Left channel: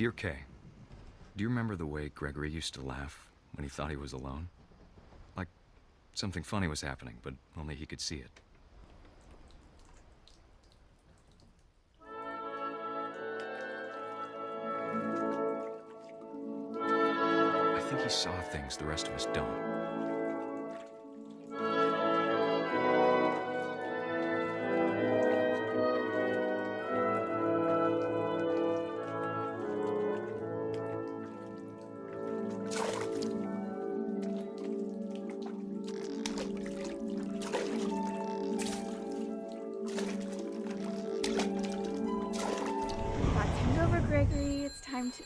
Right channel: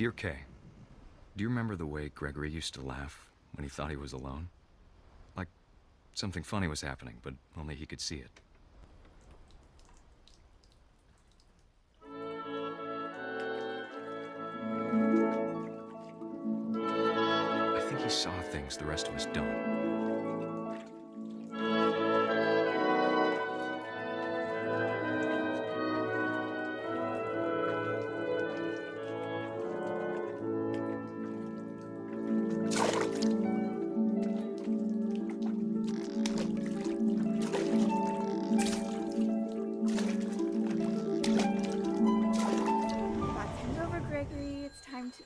Dear Kay, do you remember the way Gregory used to laugh when he thought he was alone? Like something funny was happening, but only he could see it. I think he saw things the rest of us don't. Gregory, it's time to...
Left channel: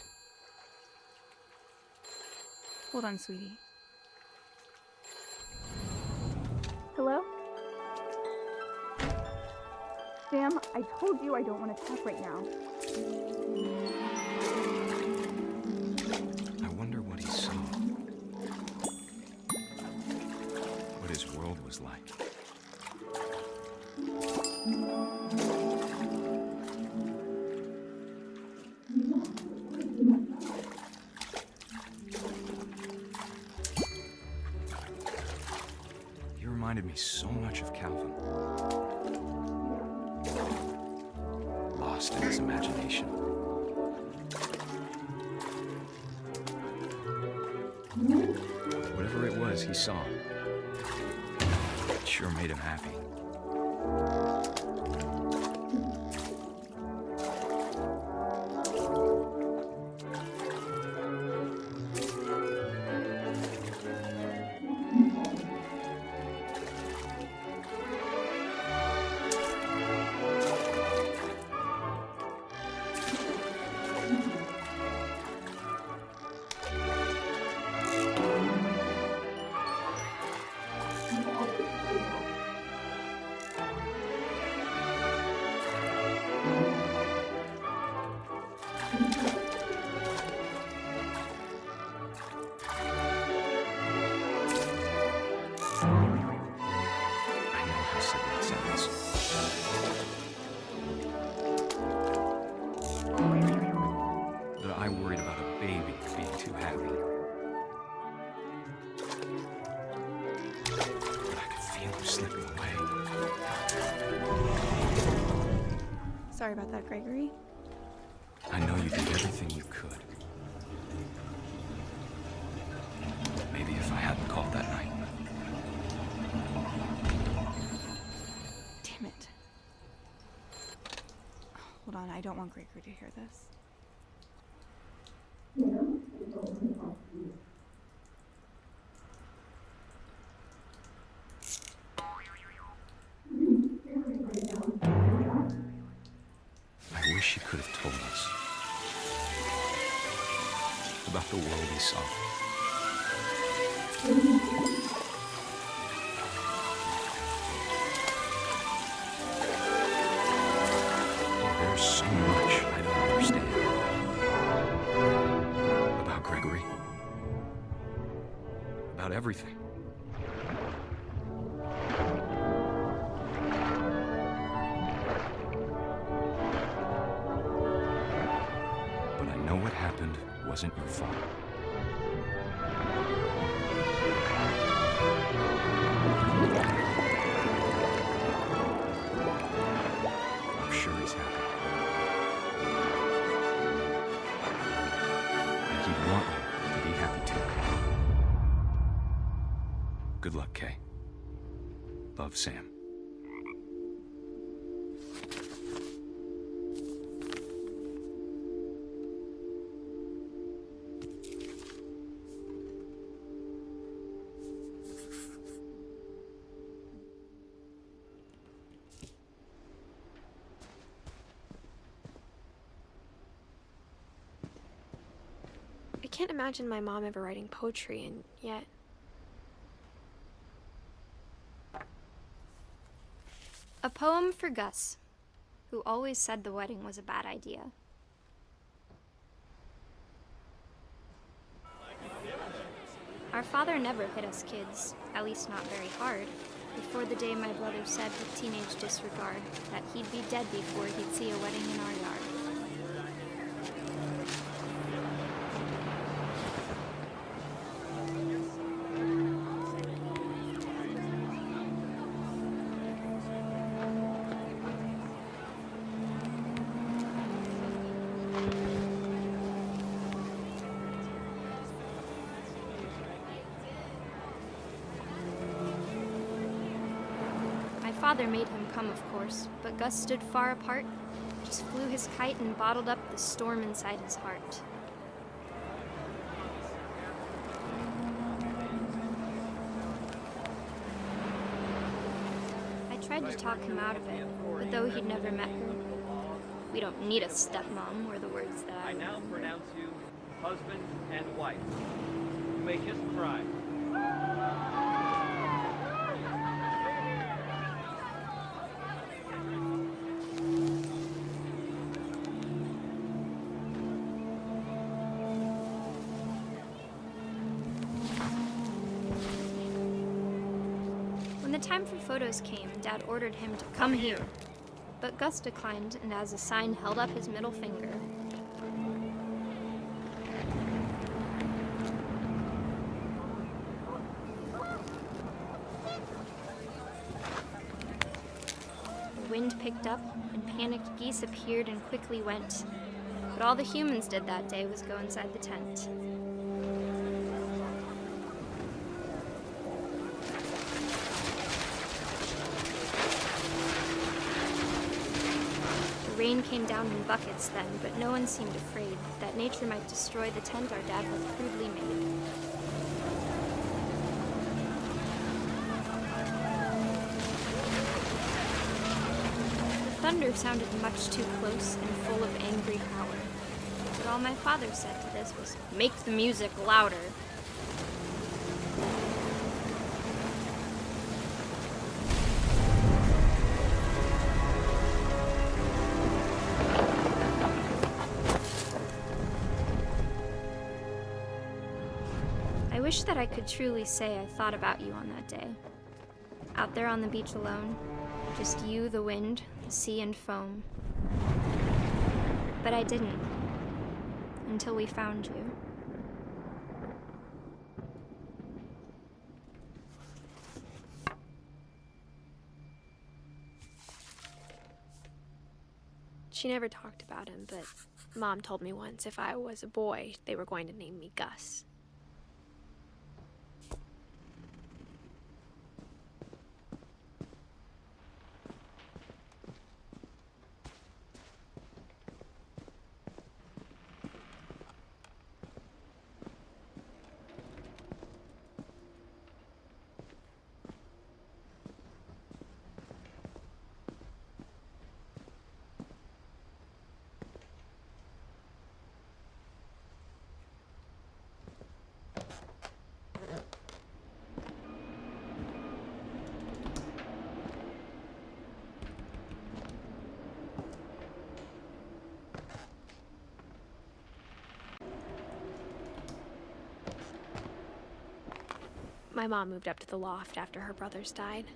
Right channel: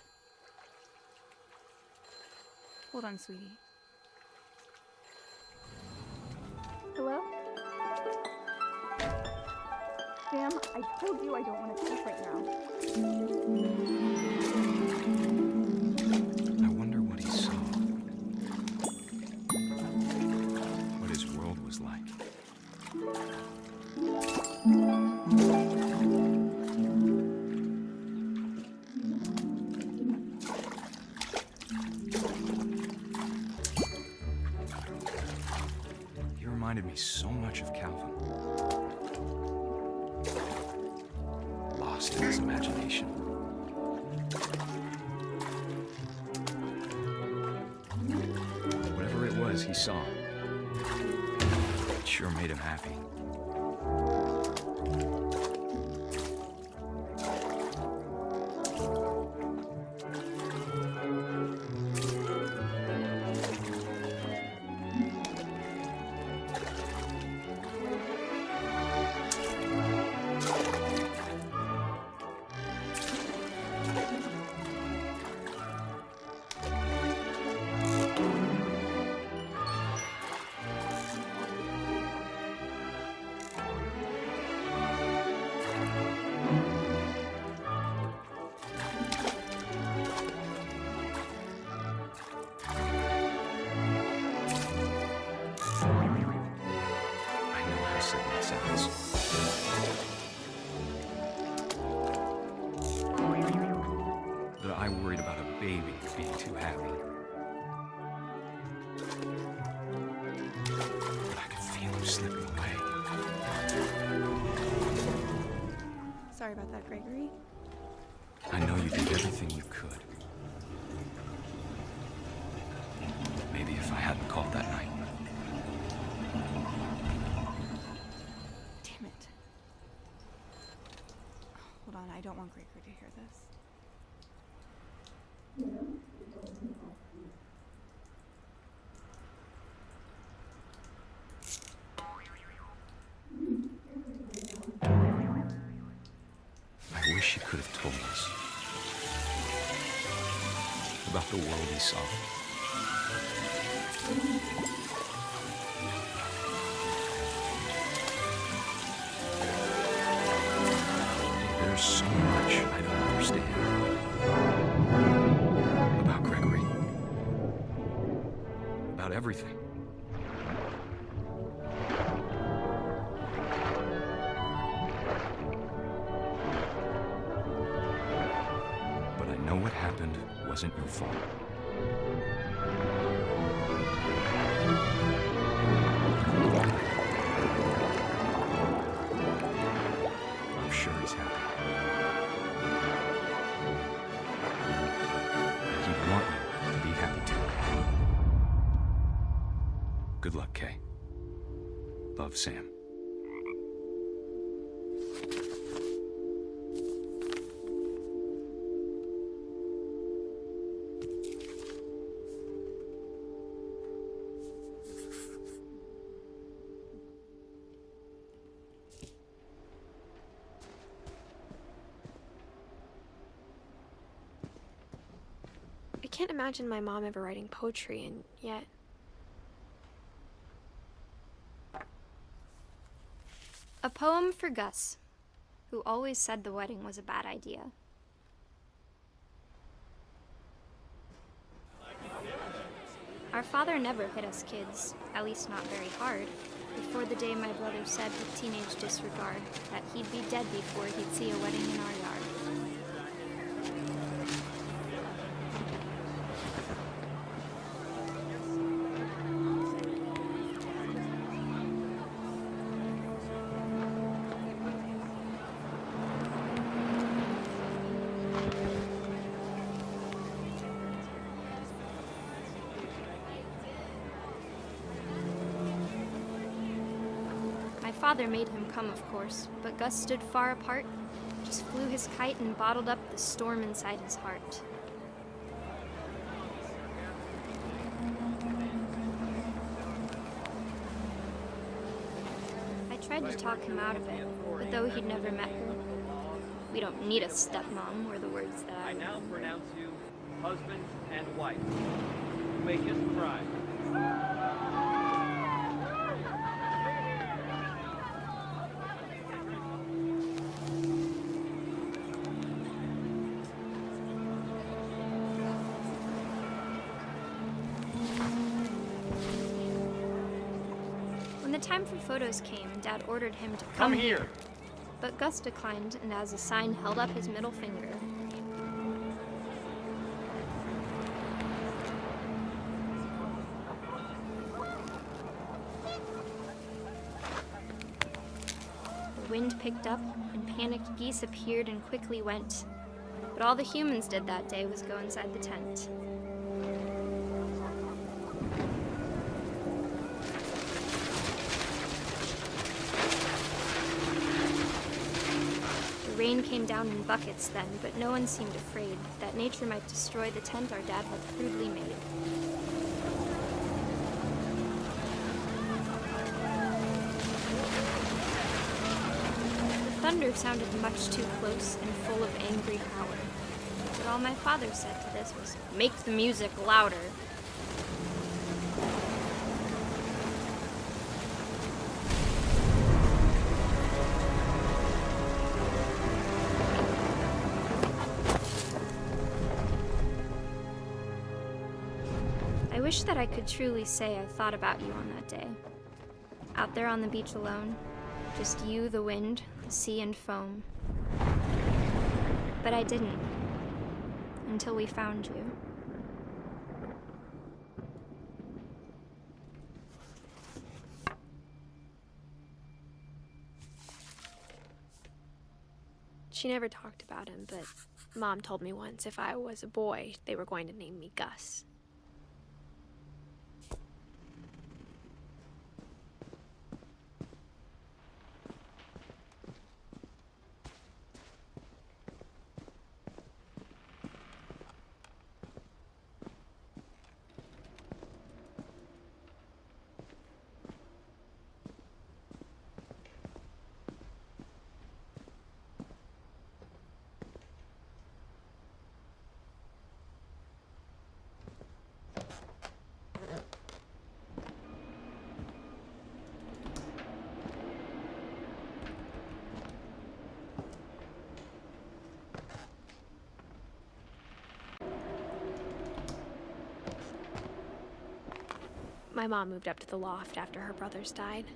Hold on, sweetie. Hello? Sam, I told you I don't want to talk right now. I wonder what he saw. What his world was like. Reminded me so much of Calvin. Lost in his imagination. Whatever it was he saw, it sure made him happy. That I worried about a baby being too happy. But I could feel him slipping away. Sorry about that, Gregory. I know you did everything you could. Maybe if I hadn't called that night. Damn it. Hold on, I don't want Gregory to hear this. I wish he could have told us about the world he saw. There's so much I don't understand about Gregory, about everything. But I know what happened wasn't your fault. I'm sure he's happy. And he'd want you to be happy too. Good luck, Kay. Love, Sam. I can't imagine my mom ever writing poetry, and yet... A poem for Gus, who always said the wedding was a bad idea. Our father never hit us kids, at least not very hard, before the day my brother said with teenage disregard that he'd be dead before he'd see a wedding in our yard. father made him come, of course, but Gus stood far apart, just flew his kite and bottled up the storm inside his heart. I tried to talk him out of it, but though he'd never met her, "We don't need a stepmom," were the words that I now remembered. pronounce you husband and wife. You may kiss the bride. When the time for photos came, Dad ordered him to come here. But Gus declined and as a sign held up his middle finger. The wind picked up and panicked geese appeared and quickly went. But all the humans did that day was go inside the tent. The rain came down in buckets then, but no one seemed afraid that nature might destroy the tent our dad had crudely made. The thunder sounded much too close and full of angry power. But all my father said to this was, "Make the music louder." I wish that I could truly say I thought about you on that day. Out there on the beach alone, just you, the wind, the sea, and foam. But I didn't, until we found you. She never talked about him, but Mom told me once if I was a boy, they were going to name me Gus. My mom moved up to the loft after her brothers died.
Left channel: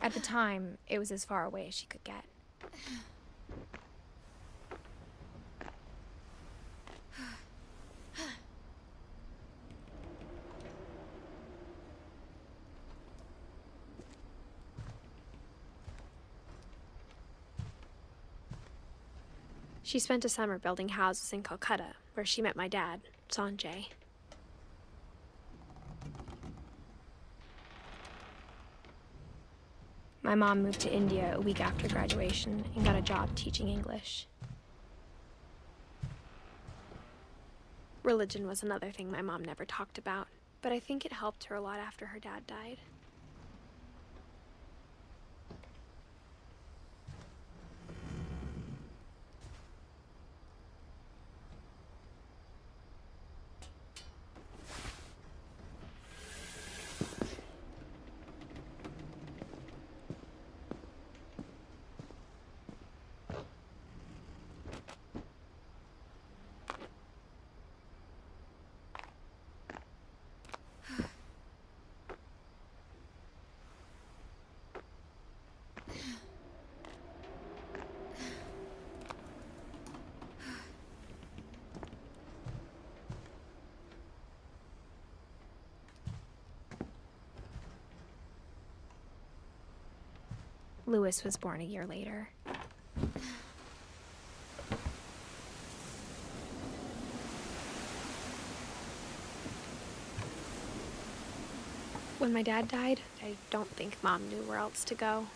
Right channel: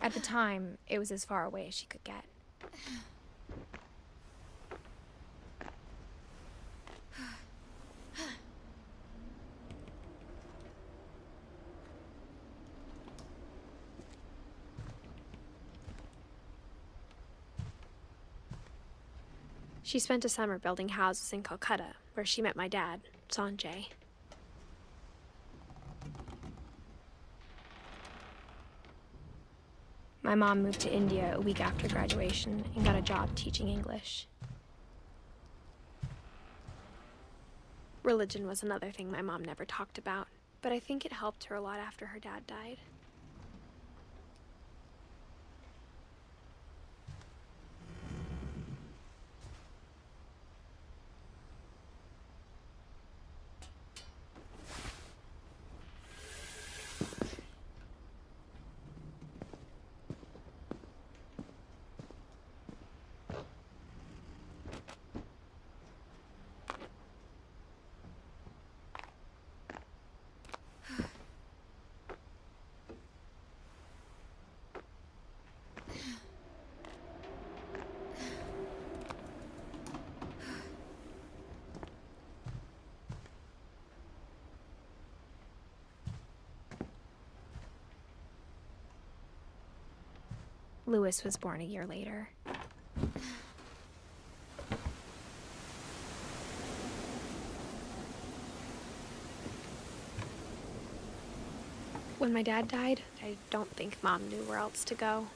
At the time, it was as far away as she could get. She spent a summer building houses in Calcutta, where she met my dad, Sanjay. My mom moved to India a week after graduation and got a job teaching English. Religion was another thing my mom never talked about, but I think it helped her a lot after her dad died. Lewis was born a year later. When my dad died, I don't think Mom knew where else to go.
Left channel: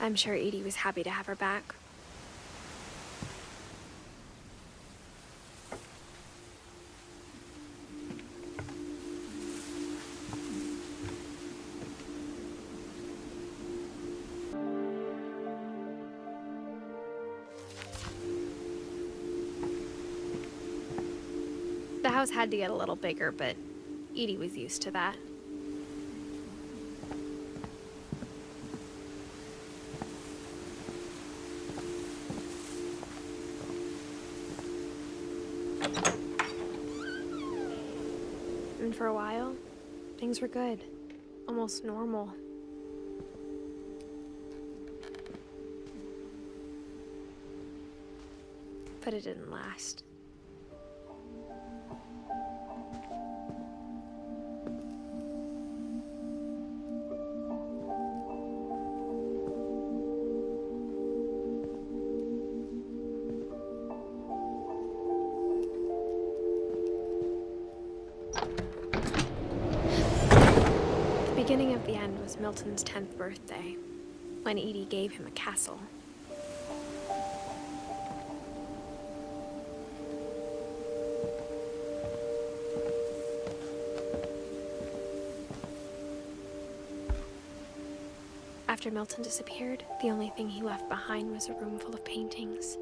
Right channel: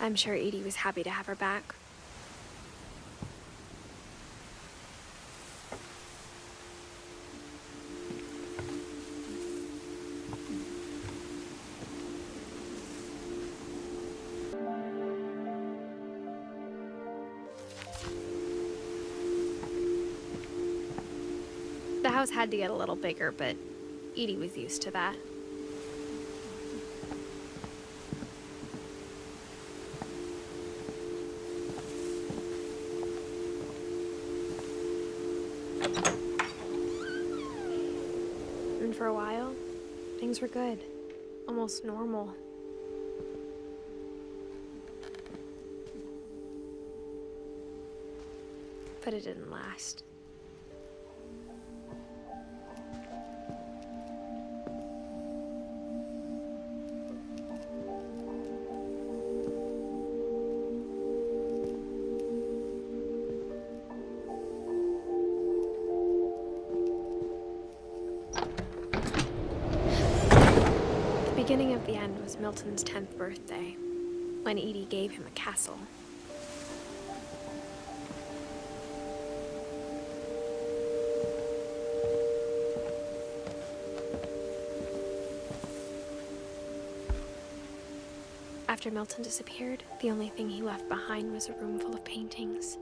I'm sure Edie was happy to have her back. The house had to get a little bigger, but Edie was used to that. And for a while, things were good. Almost normal. But it didn't last. The beginning of the end was Milton's 10th birthday, when Edie gave him a castle. After Milton disappeared, the only thing he left behind was a room full of paintings.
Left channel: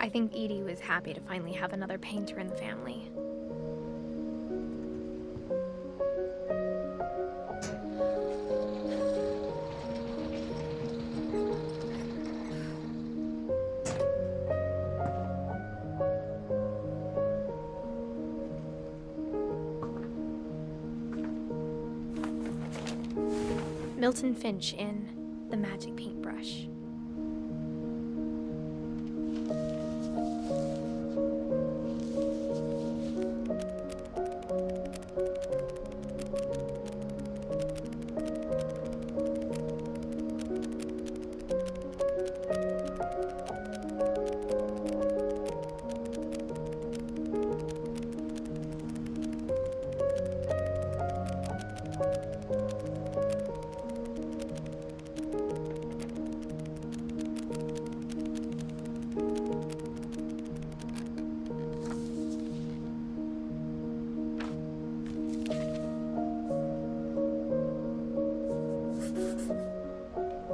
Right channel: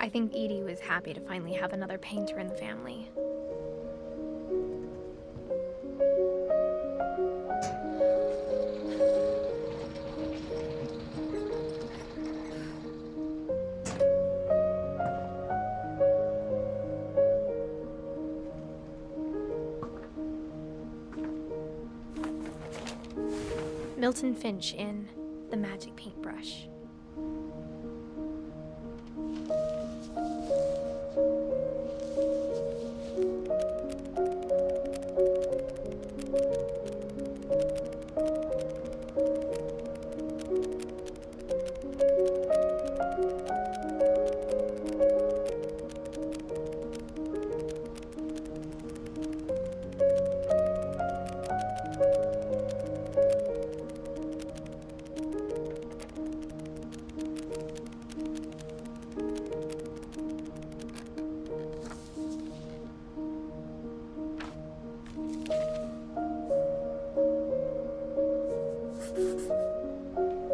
I think Edie was happy to finally have another painter in the family. Milton Finch in The Magic Paintbrush.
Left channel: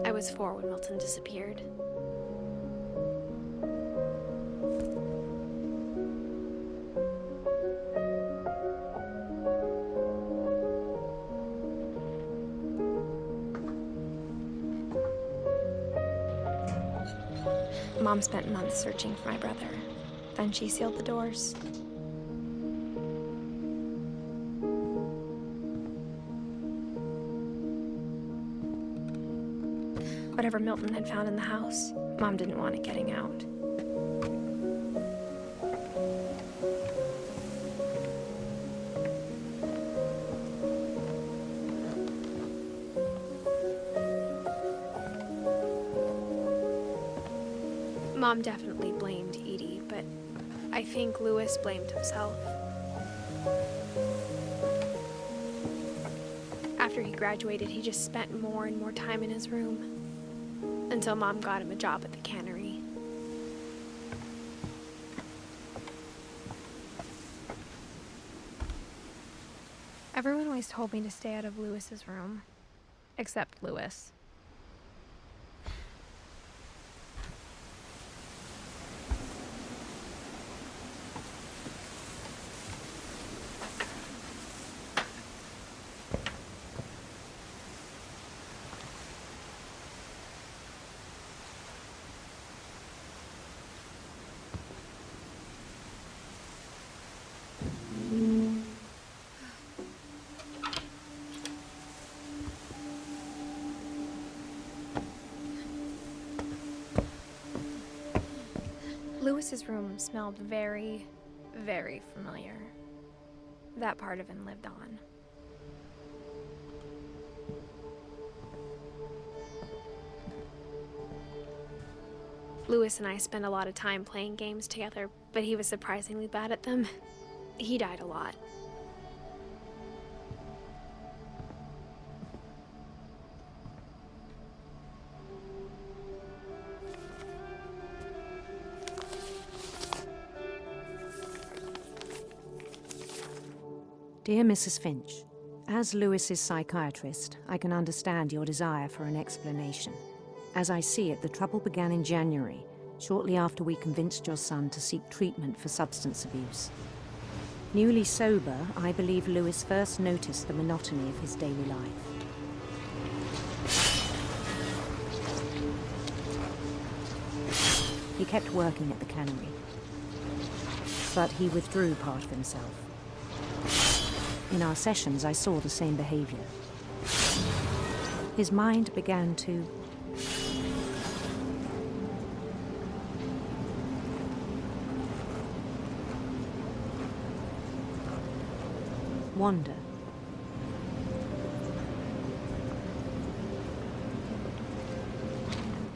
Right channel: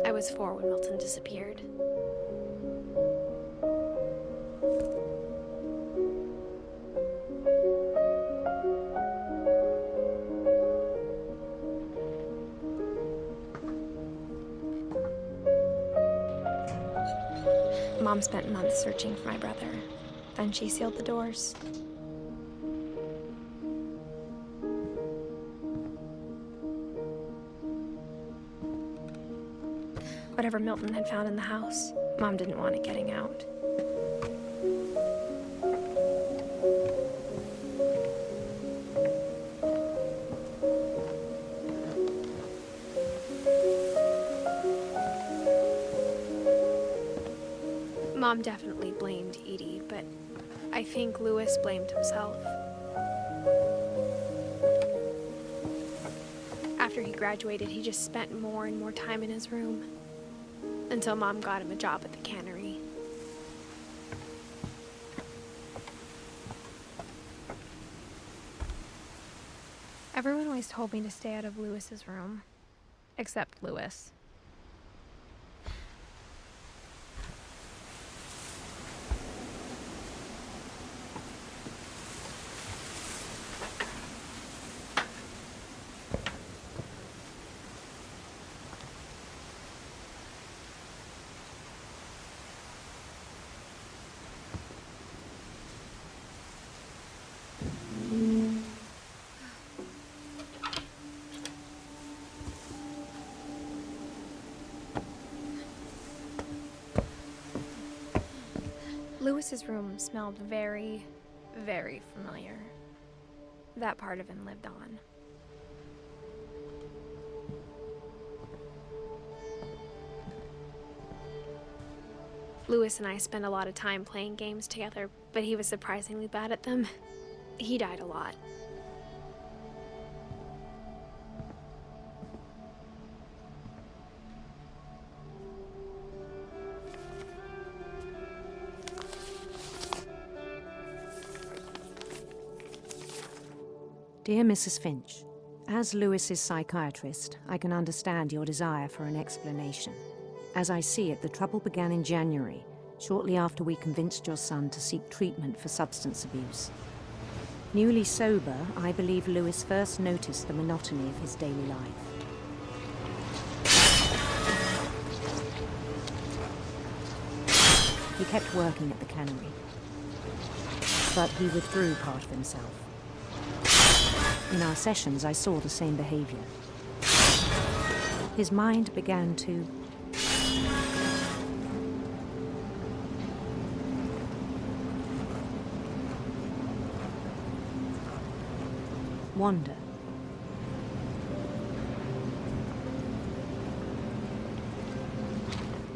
I was 4 when Milton disappeared. Mom spent months searching for my brother. Then she sealed the doors. Whatever Milton had found in the house, Mom didn't want it getting out. Mom definitely blamed Edie, but I think Louis blamed himself. After he graduated, he just spent more and more time in his room. Until Mom got him a job at the cannery. Everyone always told me to stay out of Louis's room, except Louis. Lewis's room smelled very, very familiar. That part of him lived on. Lewis and I spent a lot of time playing games together, but he was surprisingly bad at them. He died a lot. Dear Mrs. Finch, as Lewis's psychiatrist, I can understand your desire for an explanation. As I see it, the trouble began in January, shortly after we convinced your son to seek treatment for substance abuse. Newly sober, I believe Lewis first noticed the monotony of his daily life. He kept working at the cannery, but he withdrew part of himself. In our sessions, I saw the same behavior. His mind began to wander.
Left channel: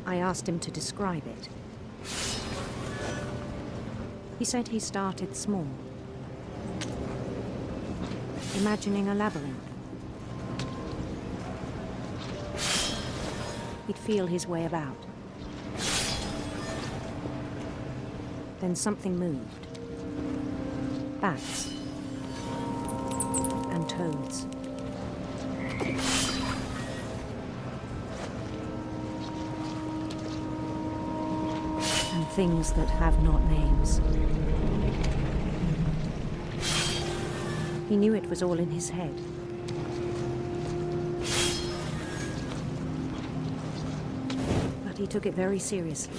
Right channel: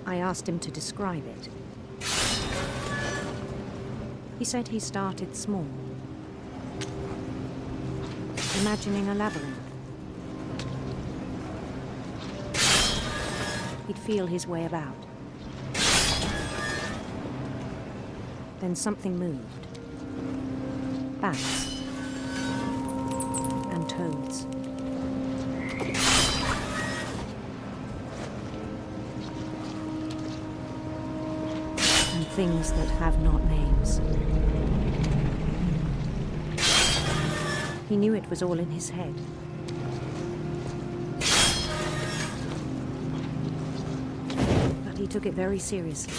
I asked him to describe it. He said he started small, imagining a labyrinth. He'd feel his way about. Then something moved. Bats and toads. And things that have not names. He knew it was all in his head. But he took it very seriously.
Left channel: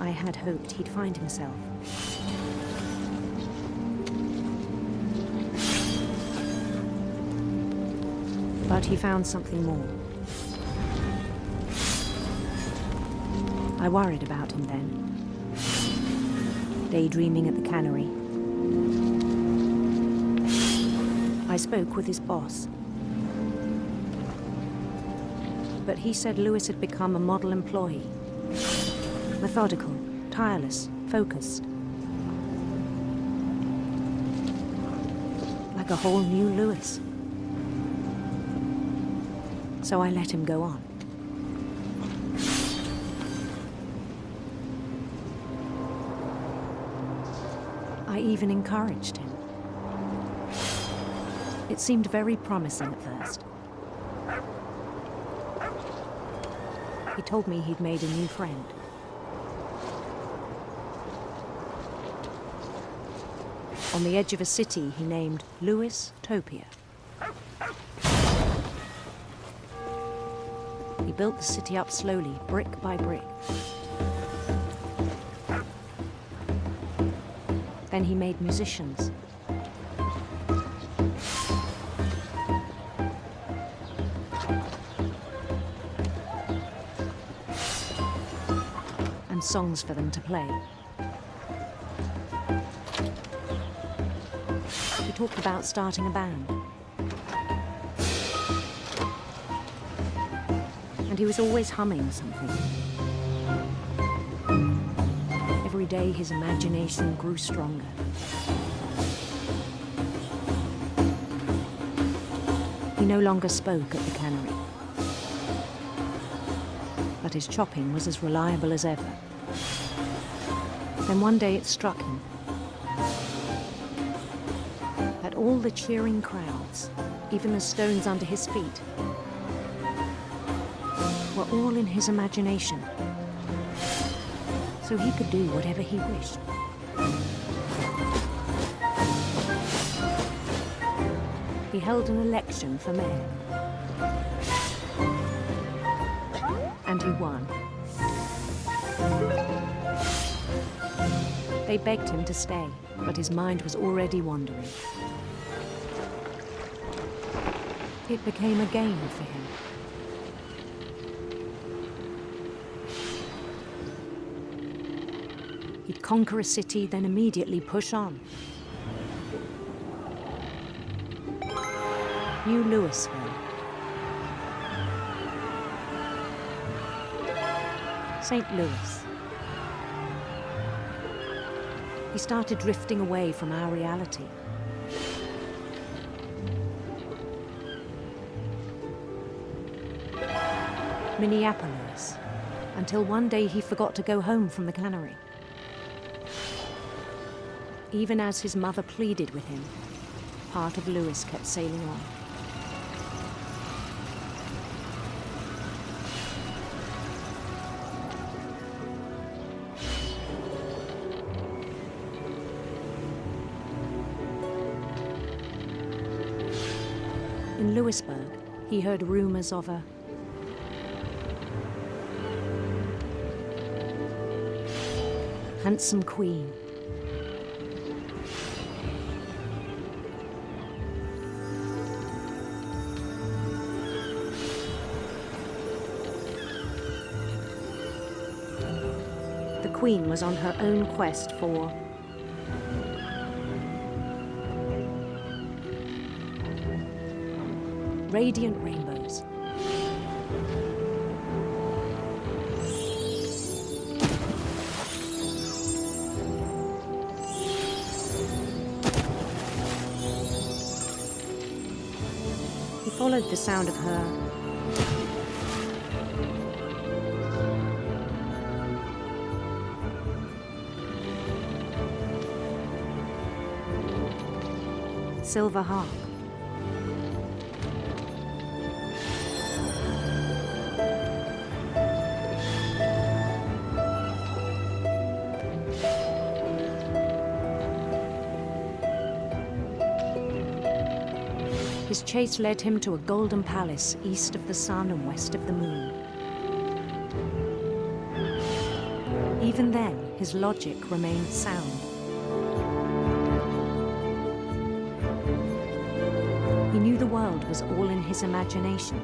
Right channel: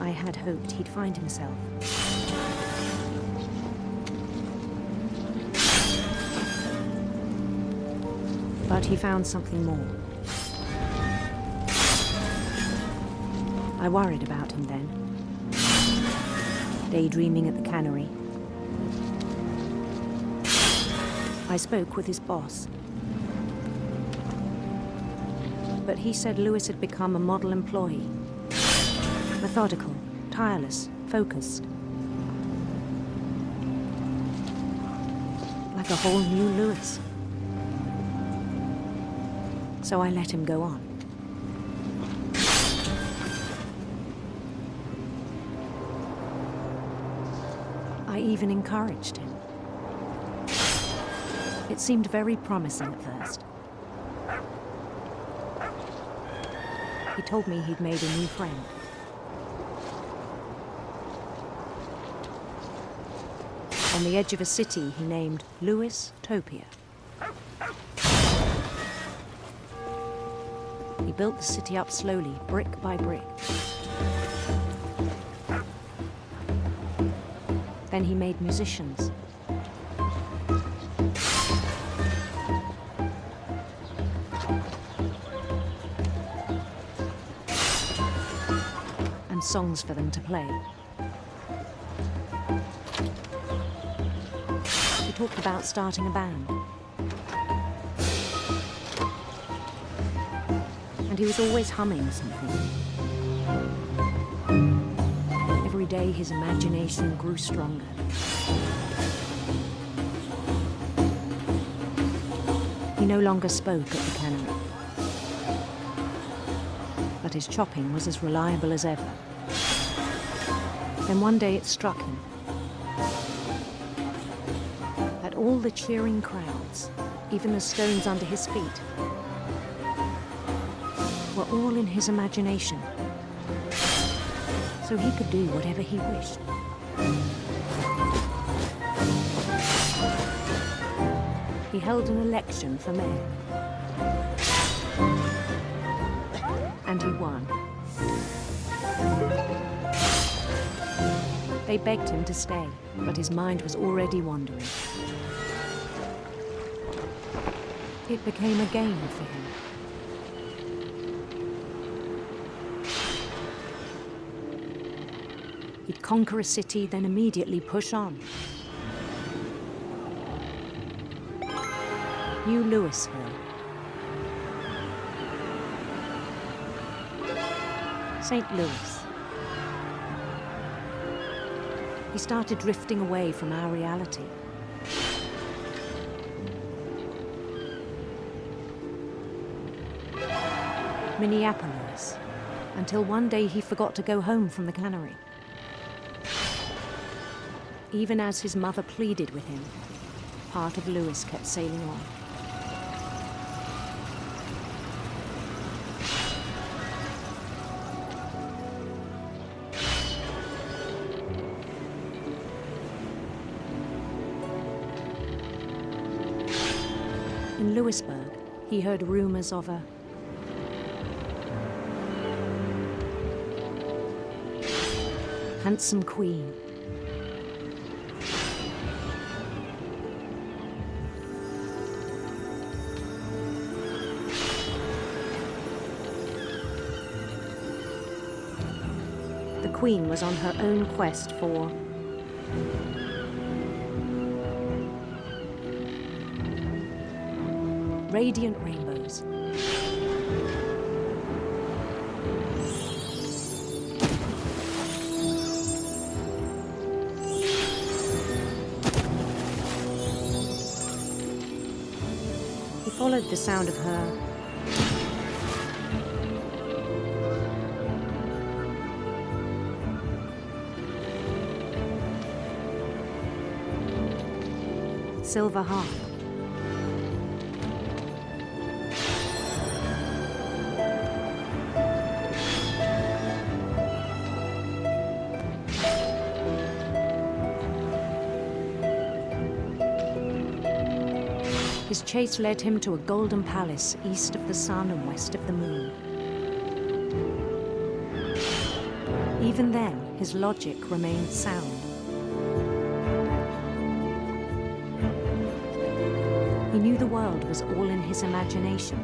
I had hoped he'd find himself. But he found something more. I worried about him then. Daydreaming at the cannery. I spoke with his boss. But he said Lewis had become a model employee. Methodical, tireless, focused. Like a whole new Lewis. So I let him go on. I even encouraged him. It seemed very promising at first. He told me he'd made a new friend. On the edge of a city he named Lewis-topia. He built the city up slowly, brick by brick. Then he made musicians. And songs for them to play. He talked about starting a band. And he was always humming something. Every day his imagination grew stronger. He no longer spoke at the cannery. But his chopping was as reliable as ever. Then one day it struck him that all the cheering crowds, even the stones under his feet, were all in his imagination. So he could do whatever he wished. He held an election for mayor. And he won. They begged him to stay, but his mind was already wandering. It became a game for him. He'd conquer a city, then immediately push on. New Louisville. St. Louis. He started drifting away from our reality. Minneapolis, until one day he forgot to go home from the cannery. Even as his mother pleaded with him, part of Louis kept sailing on. In Louisburg, he heard rumors of a handsome queen. The queen was on her own quest for radiant rainbows. He followed the sound of her silver harp. His chase led him to a golden palace east of the sun and west of the moon. Even then, his logic remained sound. He knew the world was all in his imagination.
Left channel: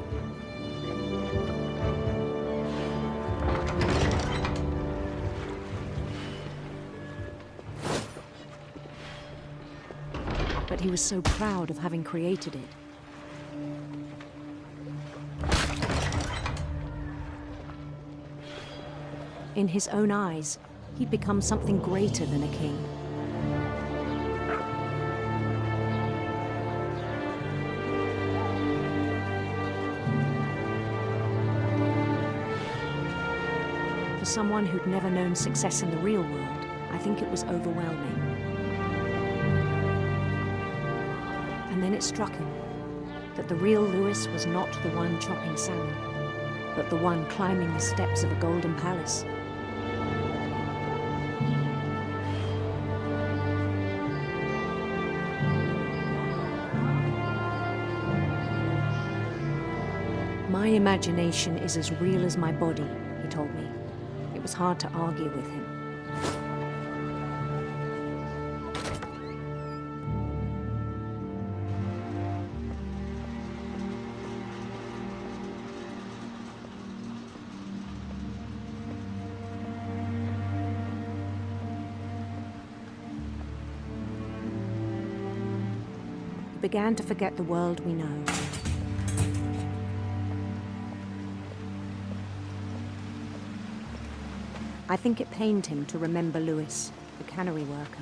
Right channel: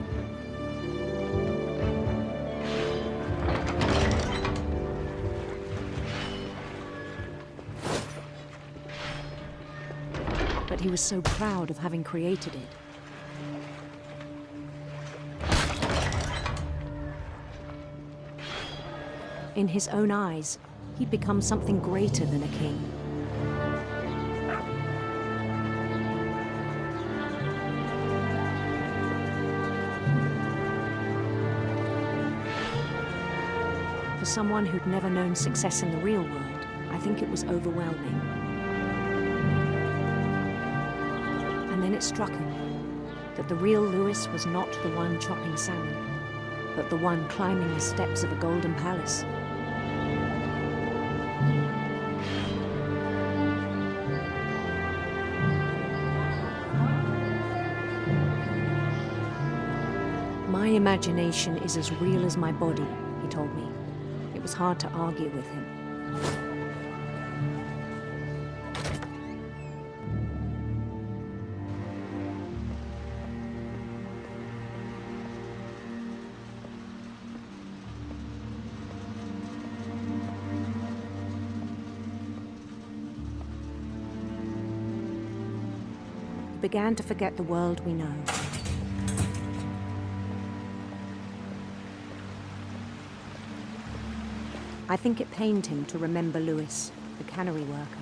But he was so proud of having created it. In his own eyes, he'd become something greater than a king. For someone who'd never known success in the real world, I think it was overwhelming. And then it struck him that the real Louis was not the one chopping salmon, but the one climbing the steps of a golden palace. My imagination is as real as my body, he told me. It was hard to argue with him. He began to forget the world we know. I think it pained him to remember Louis, the cannery worker.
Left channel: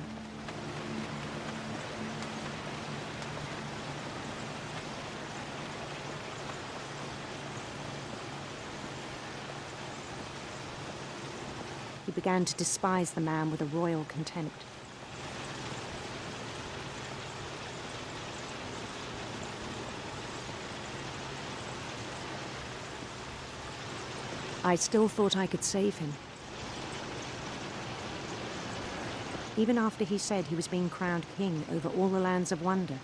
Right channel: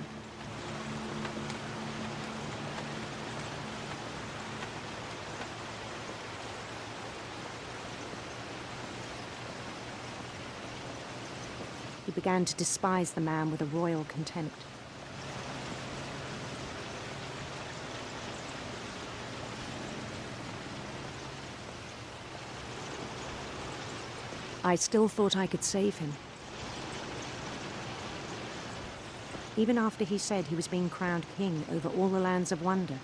He began to despise the man with a royal contempt. I still thought I could save him. Even after he said he was being crowned king over all the lands of wonder.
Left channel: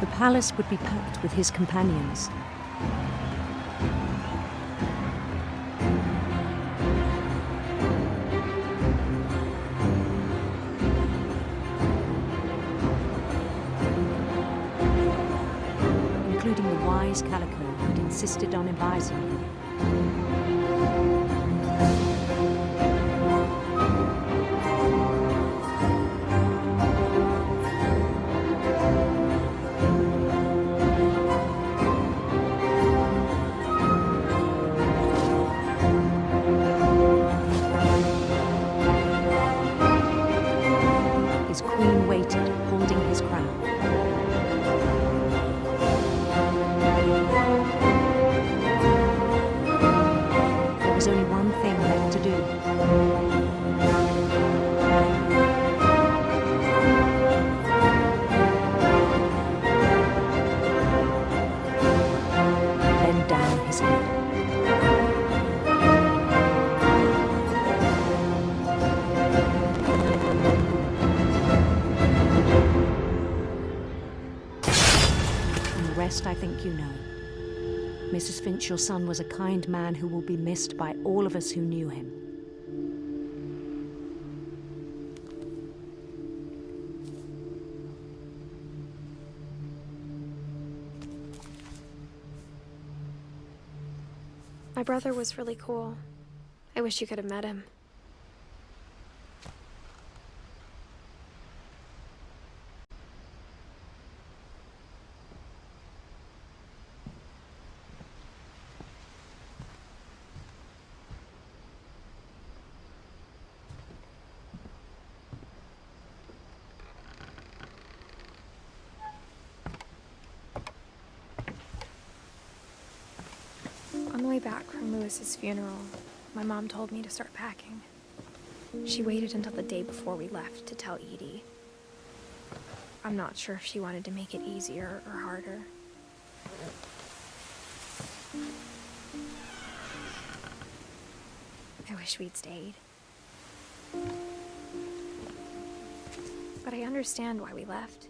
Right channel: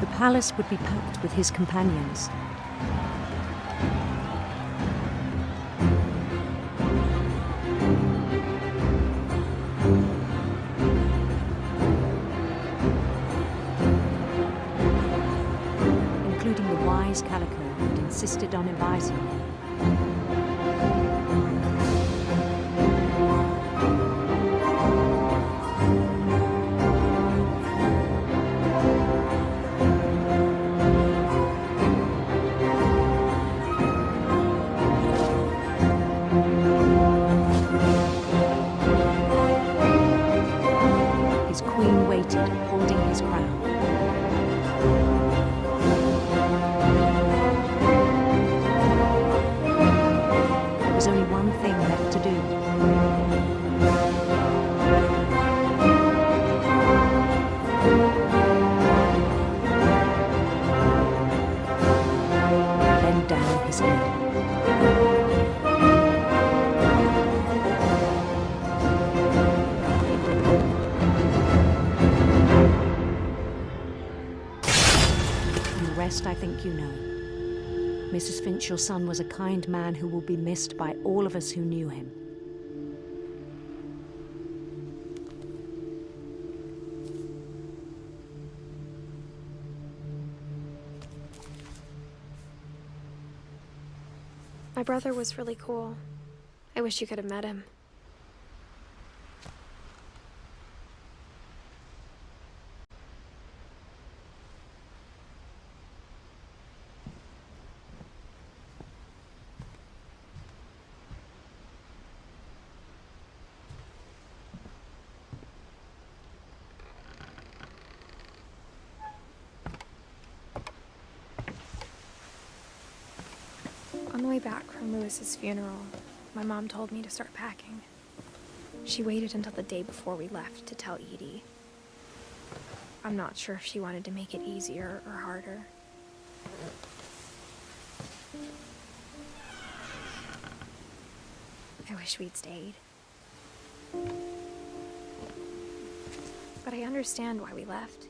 The palace would be packed with his companions. Including the wise Calico who'd insisted on advising him. There's only one thing left to do. Bend down his head. And the rest I think you know. Mrs. Finch, your son was a kind man who will be missed by all of us who knew him. My brother was really cool. I wish you could have met him. On the way back from Lewis's funeral, my mom told me to start packing. She waited until the day before we left to tell Edie. I'm not sure if she wanted to make it easier or harder. I wish we'd stayed. But I understand why we left.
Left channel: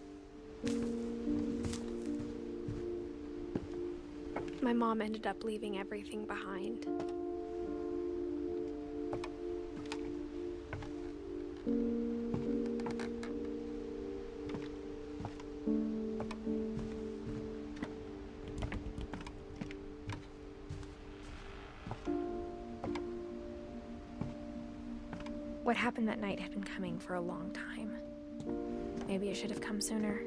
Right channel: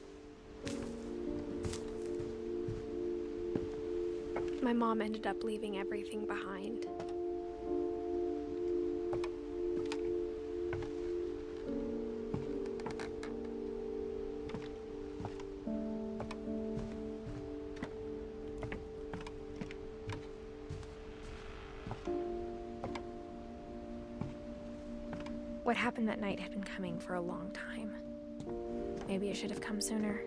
My mom ended up leaving everything behind. What happened that night had been coming for a long time. Maybe it should have come sooner.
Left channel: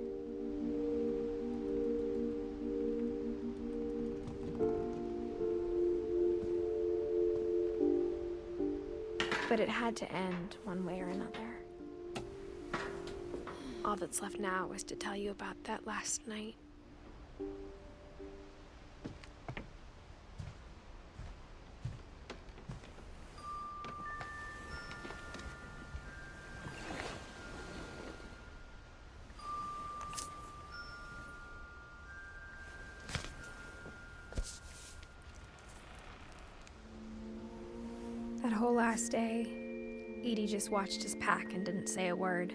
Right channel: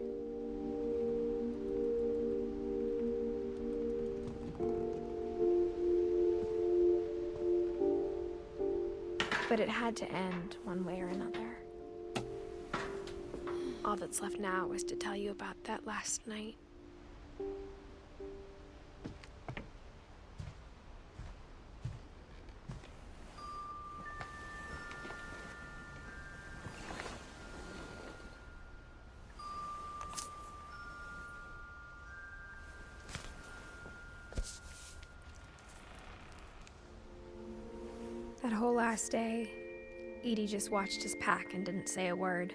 But it had to end one way or another. All that's left now is to tell you about that last night. That whole last day, Edie just watched us pack and didn't say a word.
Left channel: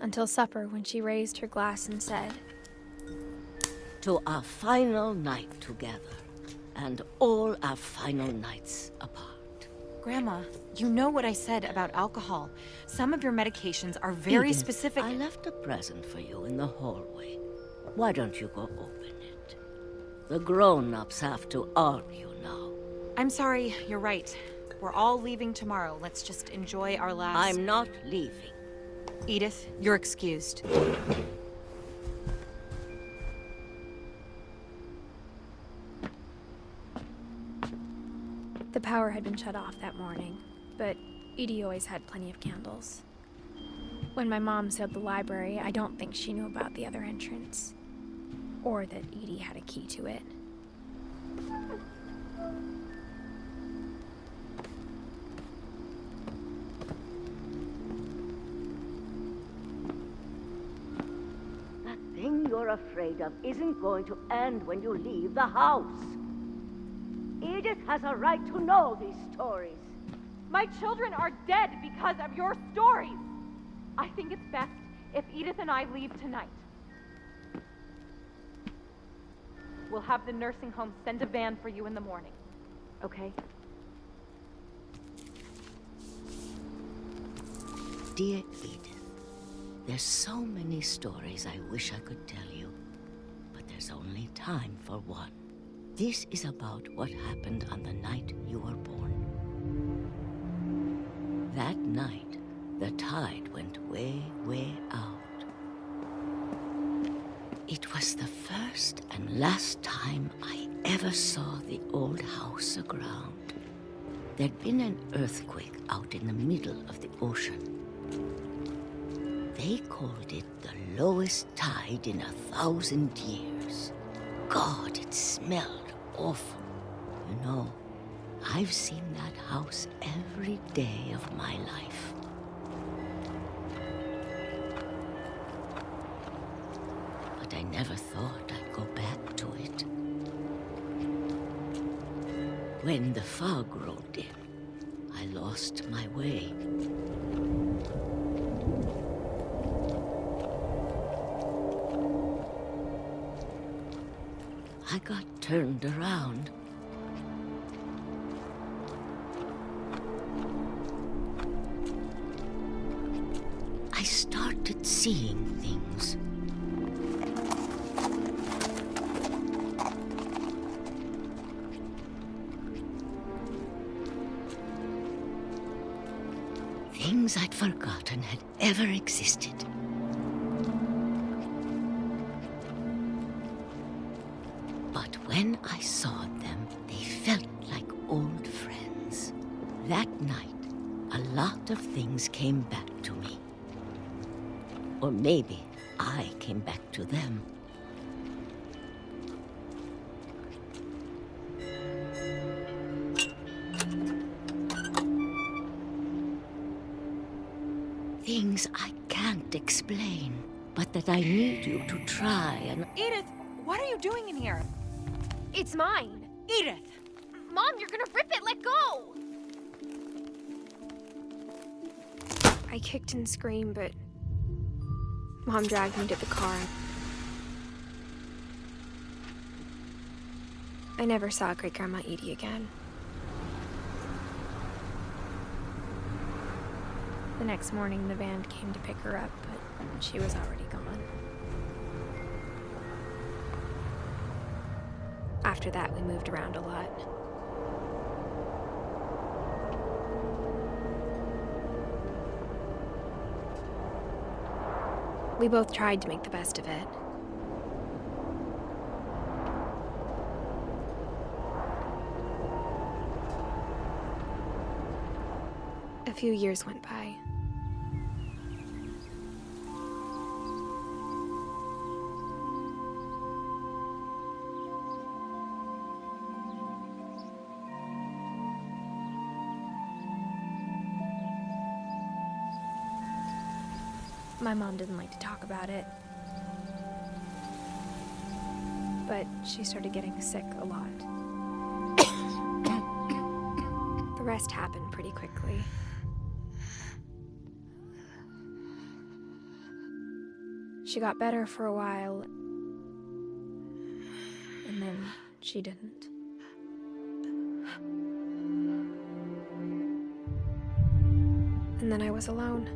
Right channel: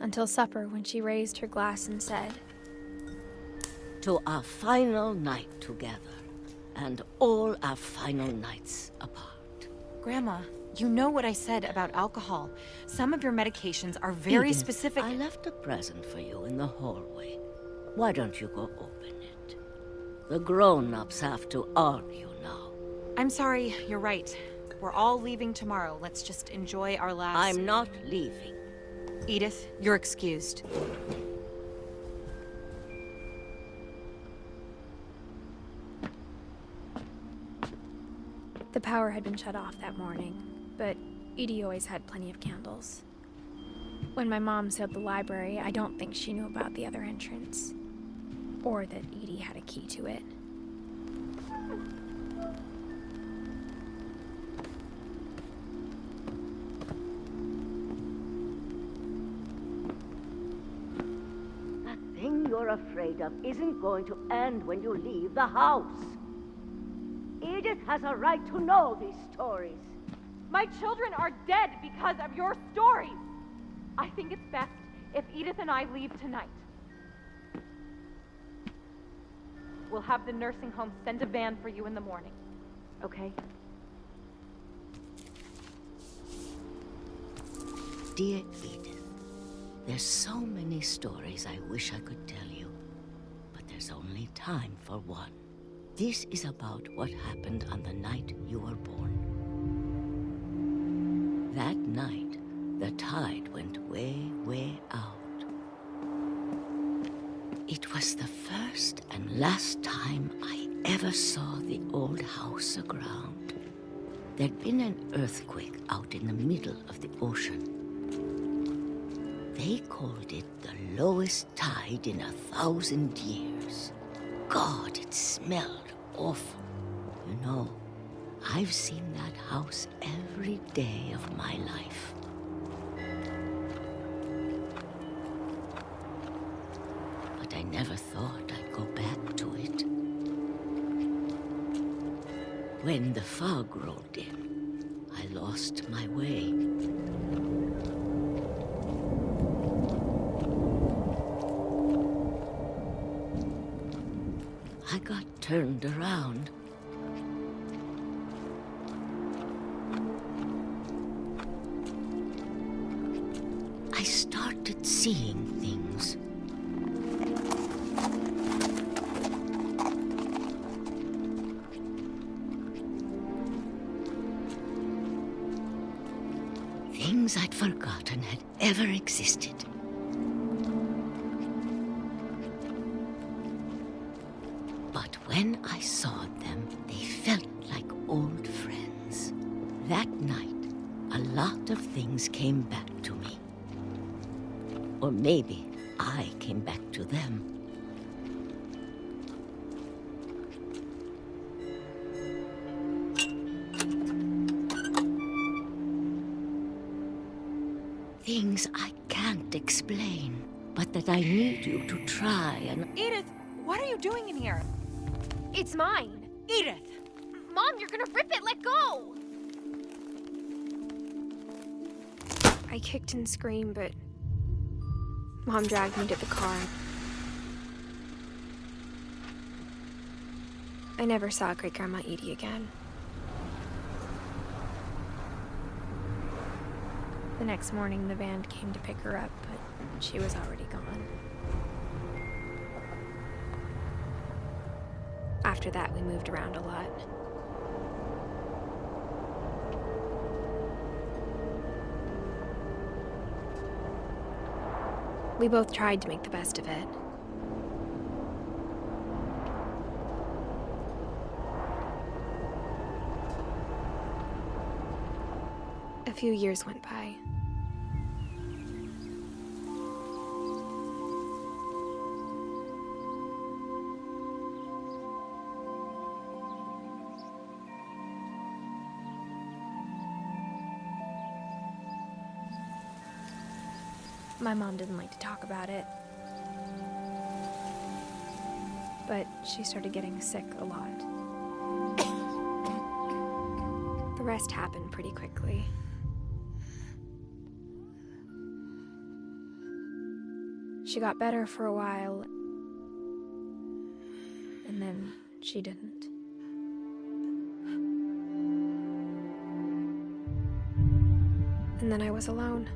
Until supper, when she raised her glass and said, "To our final night together, and all our final nights apart." Grandma, you know what I said about alcohol. Some of your medications are very Edith, specific. I left a present for you in the hallway. Why don't you go open it? The grown-ups have to argue now. I'm sorry, you're right. We're all leaving tomorrow. Let's just enjoy our last... I'm not leaving. Edith, you're excused. the power had been shut off that morning, but Edie always had plenty of candles. When my mom sealed the library, I don't think she knew about the other entrance, or that Edie had a key to it. That thing you're afraid of isn't going to end when you leave the house. Edith has a right to know these stories. My children are dead because of your stories. I think it's best if Edith and I leave tonight. We'll have the nursing home send a van for you in the morning, okay? Dear Edith, there's so many stories I wish I could tell you, but there's only time for one. This is about what happened on the night you were born. That night, the tide went way, way out. It was the first and last time I ever saw the old house aground. There'd been an earthquake out in the middle of the ocean. They called it the lowest tide in 1,000 years. God, it smelled awful. You know, I've seen that house every day of my life. But I never thought I'd go back to it. When the fog rolled in, I lost my way. I got turned around. I started seeing things. Things I'd forgotten had ever existed. But when I saw them, they felt like old friends. That night, a lot of things came back to me. Or maybe I came back to them. Things I can't explain, but that I need you to try and... Edith, what are you doing in here? It's mine. Edith! Mom, you're gonna rip it! Let go! I kicked and screamed, but Mom dragged me to the car. I never saw Great-Grandma Edie again. The next morning, the van came to pick her up, but she was already gone. After that, we moved around a lot. We both tried to make the best of it. A few years went by. My mom didn't like to talk about it, but she started getting sick a lot. The rest happened pretty quickly. She got better for a while, and then she didn't. And then I was alone.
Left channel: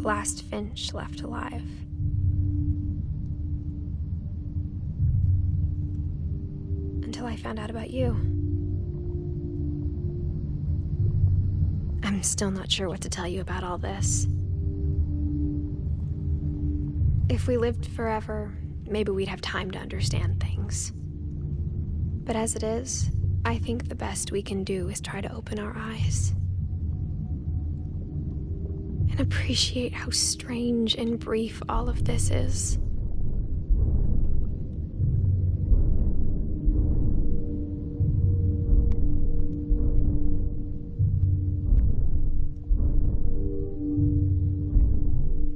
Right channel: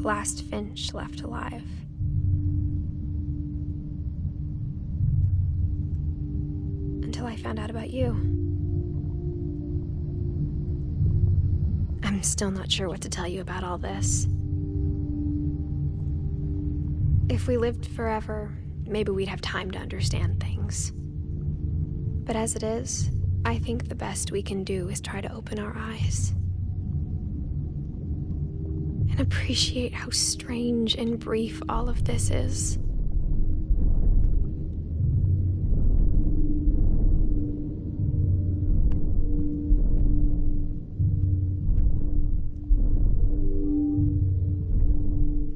The last Finch left alive. Until I found out about you. I'm still not sure what to tell you about all this. If we lived forever, maybe we'd have time to understand things. But as it is, I think the best we can do is try to open our eyes. And appreciate how strange and brief all of this is.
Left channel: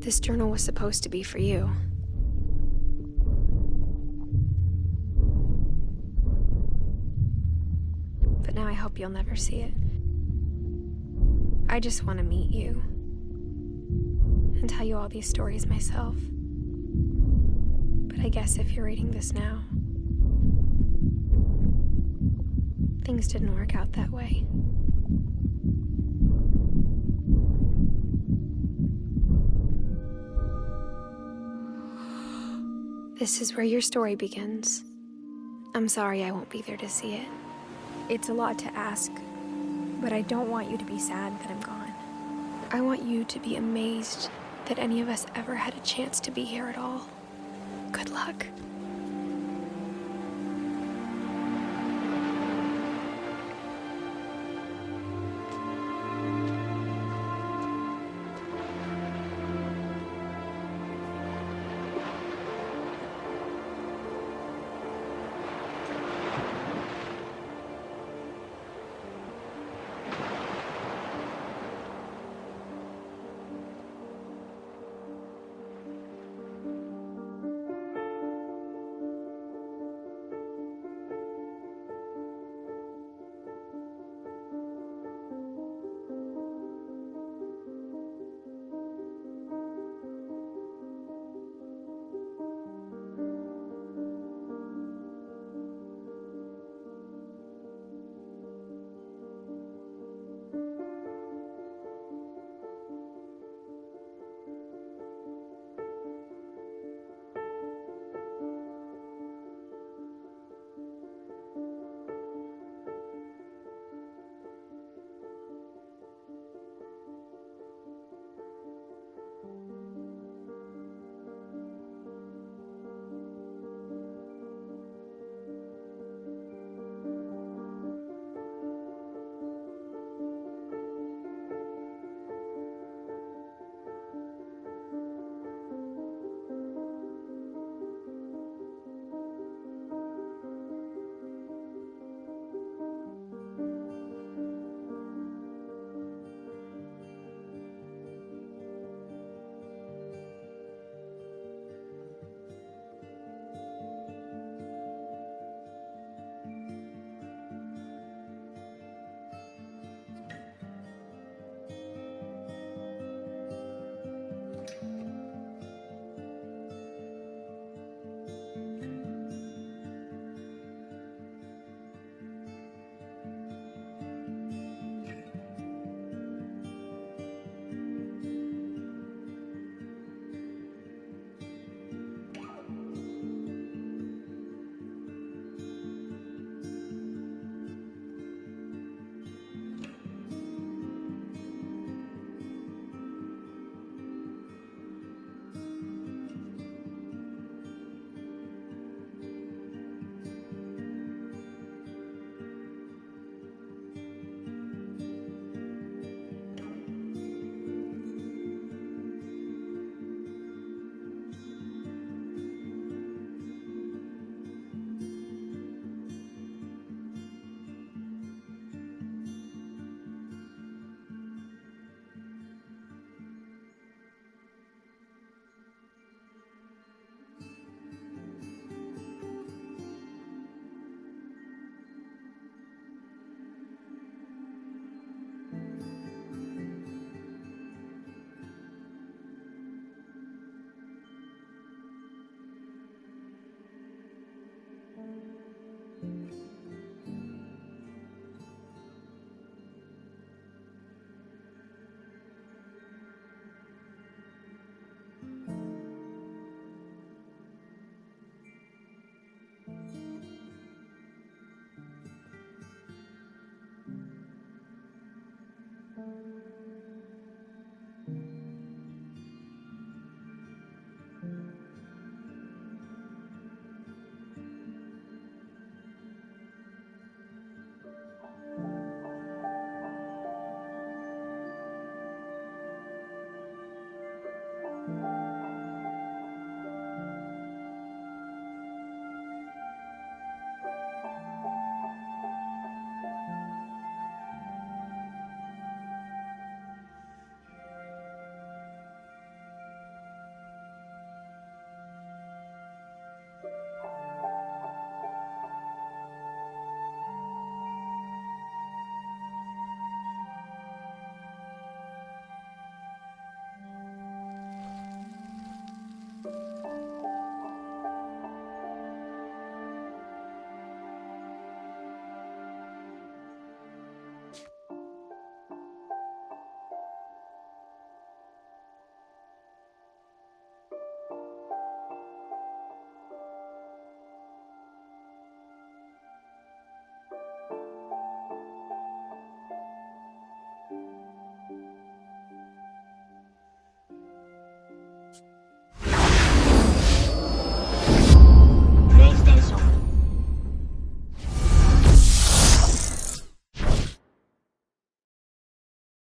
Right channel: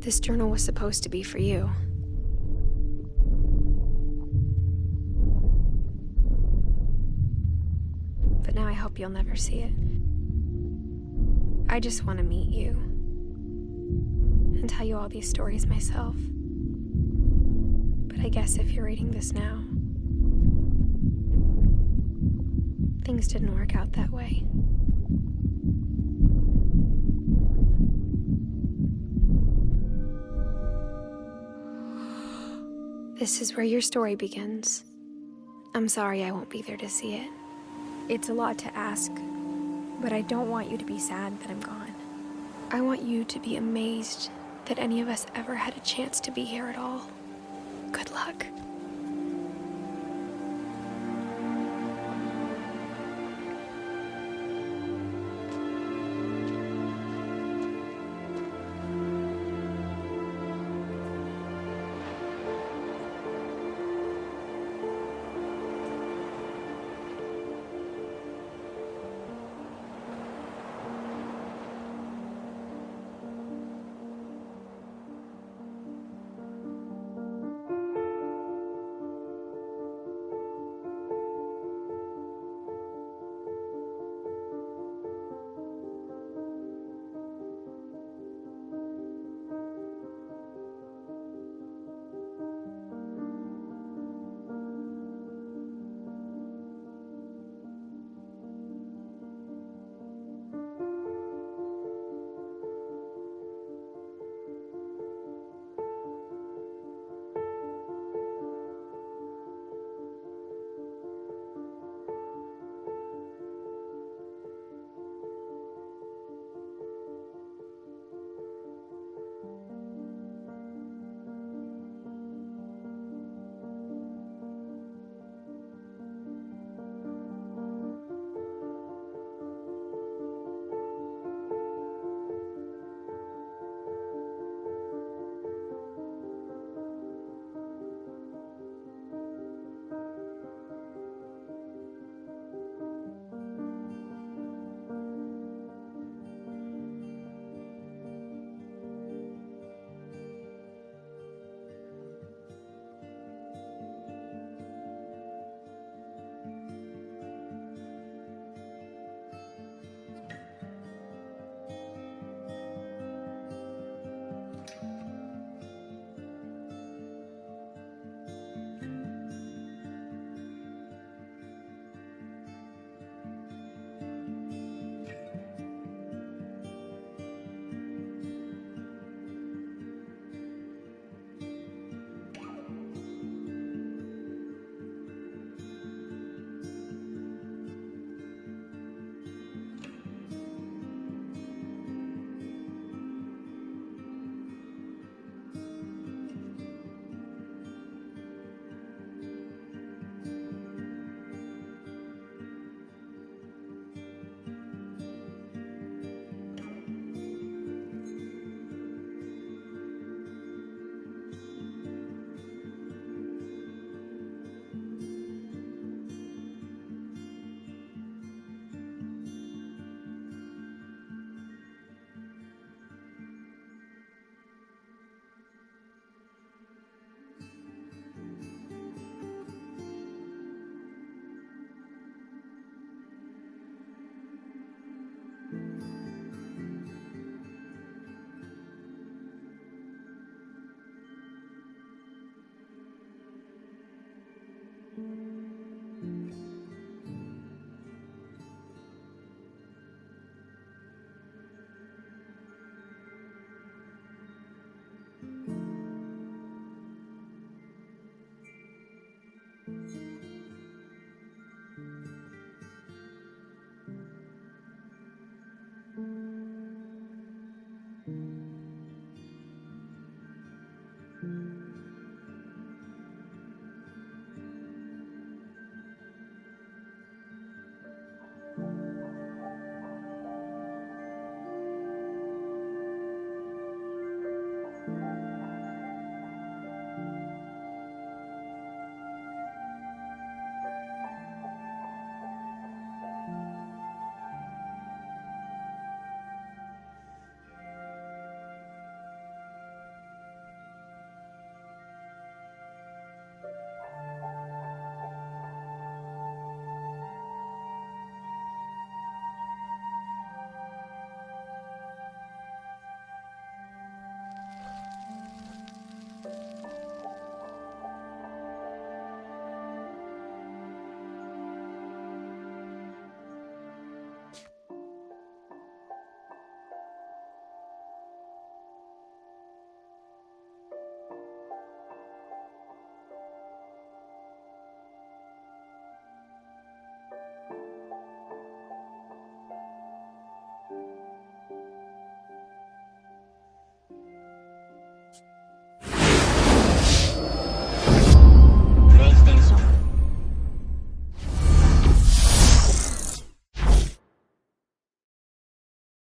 This journal was supposed to be for you. But now I hope you'll never see it. I just want to meet you. And tell you all these stories myself. But I guess if you're reading this now, things didn't work out that way. This is where your story begins. I'm sorry I won't be there to see it. It's a lot to ask, but I don't want you to be sad that I'm gone. I want you to be amazed that any of us ever had a chance to be here at all. Good luck.